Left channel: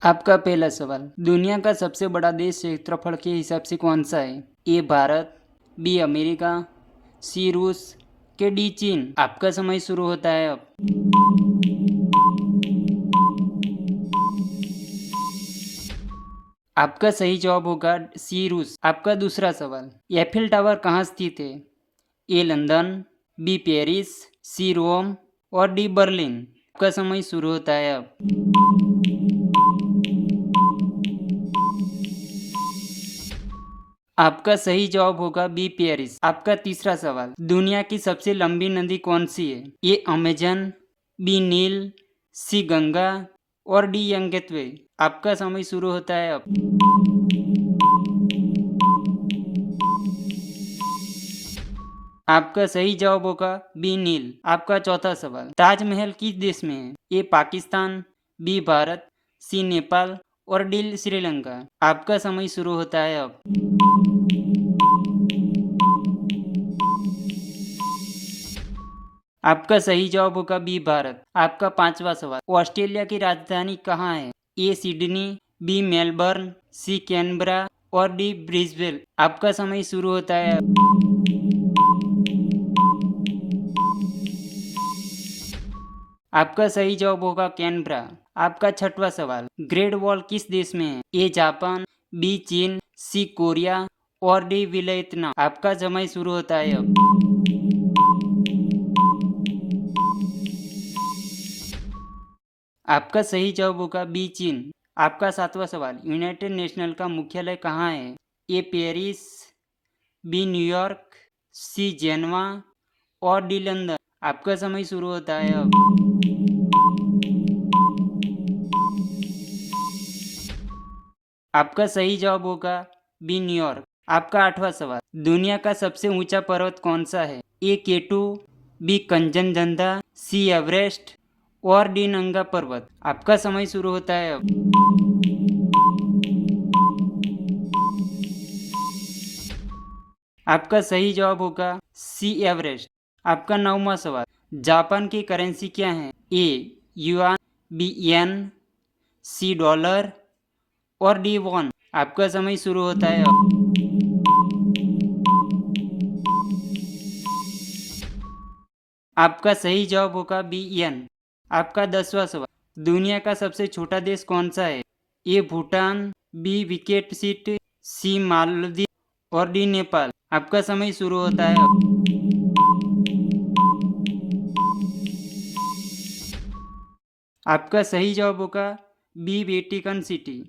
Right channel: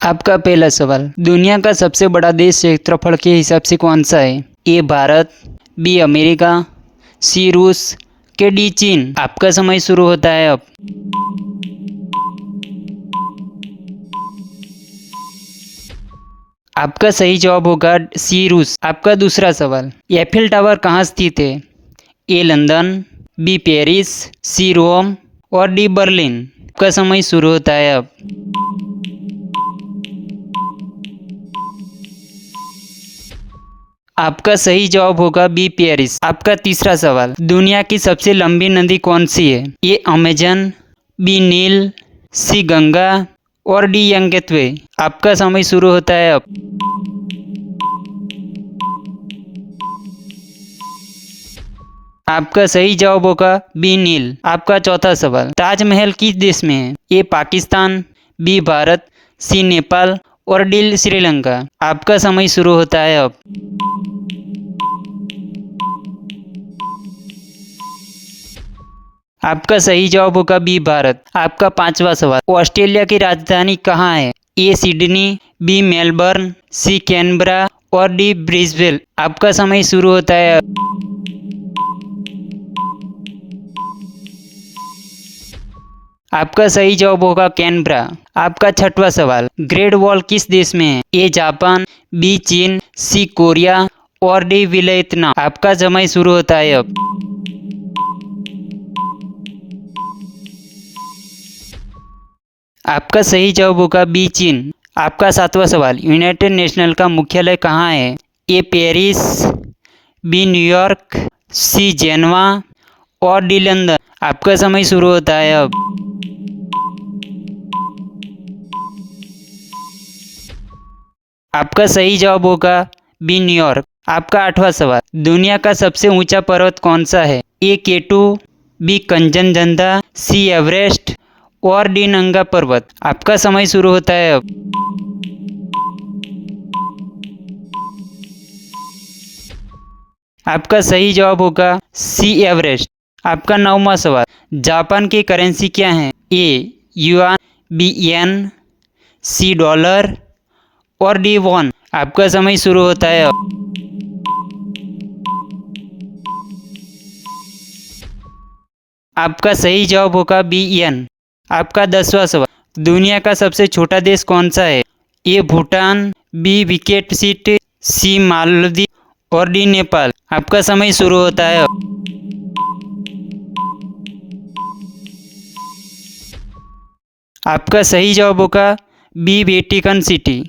आपका पहला सवाल, दुनिया का सबसे बड़ा देश क्षेत्रफल के हिसाब से कौन सा है? ए भारत, बी अमेरिका, सी रूस के डी चीन। आपका समय शुरू होता है अब। आपका सही जवाब होगा सी रूस। आपका दूसरा सवाल, एफिल टावर कहाँ स्थित है? ए लंदन, बी पेरिस, सी रोम और डी बर्लिन। आपका समय शुरू होता है अब। आपका सही जवाब होगा बी पेरिस। आपका तीसरा सवाल, दुनिया की सबसे लंबी नदी कौन सी है? ए अमेजन, बी नील, सी गंगा और डी यंगत्वे। आपका समय शुरू होता है अब। आपका सही जवाब होगा बी नील। आपका चौथा सवाल, ताजमहल किस देश में है? ए पाकिस्तान, बी भारत, सी नेपाल और डी श्रीलंका। आपका समय शुरू होता है अब। आपका सही जवाब होगा बी भारत। आपका पांचवा सवाल, ऑस्ट्रेलिया की राजधानी कहाँ है? A Sydney, B Melbourne, C Canberra और डी ब्रिस्बेन। आपका समय शुरू होता है अब। आपका सही जवाब होगा कैनबरा। आपका छठवां सवाल, ग्रेट वॉल किस देश में है? ए जापान, बी चीन, सी कोरिया और डी वियतनाम। आपका समय शुरू होता है अब। आपका सही जवाब होगा बी चीन। आपका सातवां सवाल, यूनाइटेड नेशनल का मुख्यालय कहाँ है? ए पेरिस, बी न्यूयॉर्क, सी जेनवा और डी लंदन। आपका समय शुरू होता है अब। आपका सही जवाब होगा बी न्यूयॉर्क। आपका आठवां सवाल, दुनिया का सबसे ऊंचा पर्वत कौन सा है? ए केटू, बी कंचनजंगा, सी एवरेस्ट और डी नंगा पर्वत। आपका समय शुरू होता है अब। आपका सही जवाब होगा सी एवरेस्ट। आपका नौवां सवाल, जापान की करेंसी क्या है? ए युआन, बी येन, सी डॉलर और डी वॉन। आपका समय शुरू होता है अब। आपका सही जवाब होगा बी येन। आपका 10वां सवाल, दुनिया का सबसे छोटा देश कौन सा है? ए भूटान, बी विकेट सीट, सी मालदीव और डी नेपाल। आपका समय शुरू होता है अब। आपका सही जवाब होगा बी वेटिकन सिटी।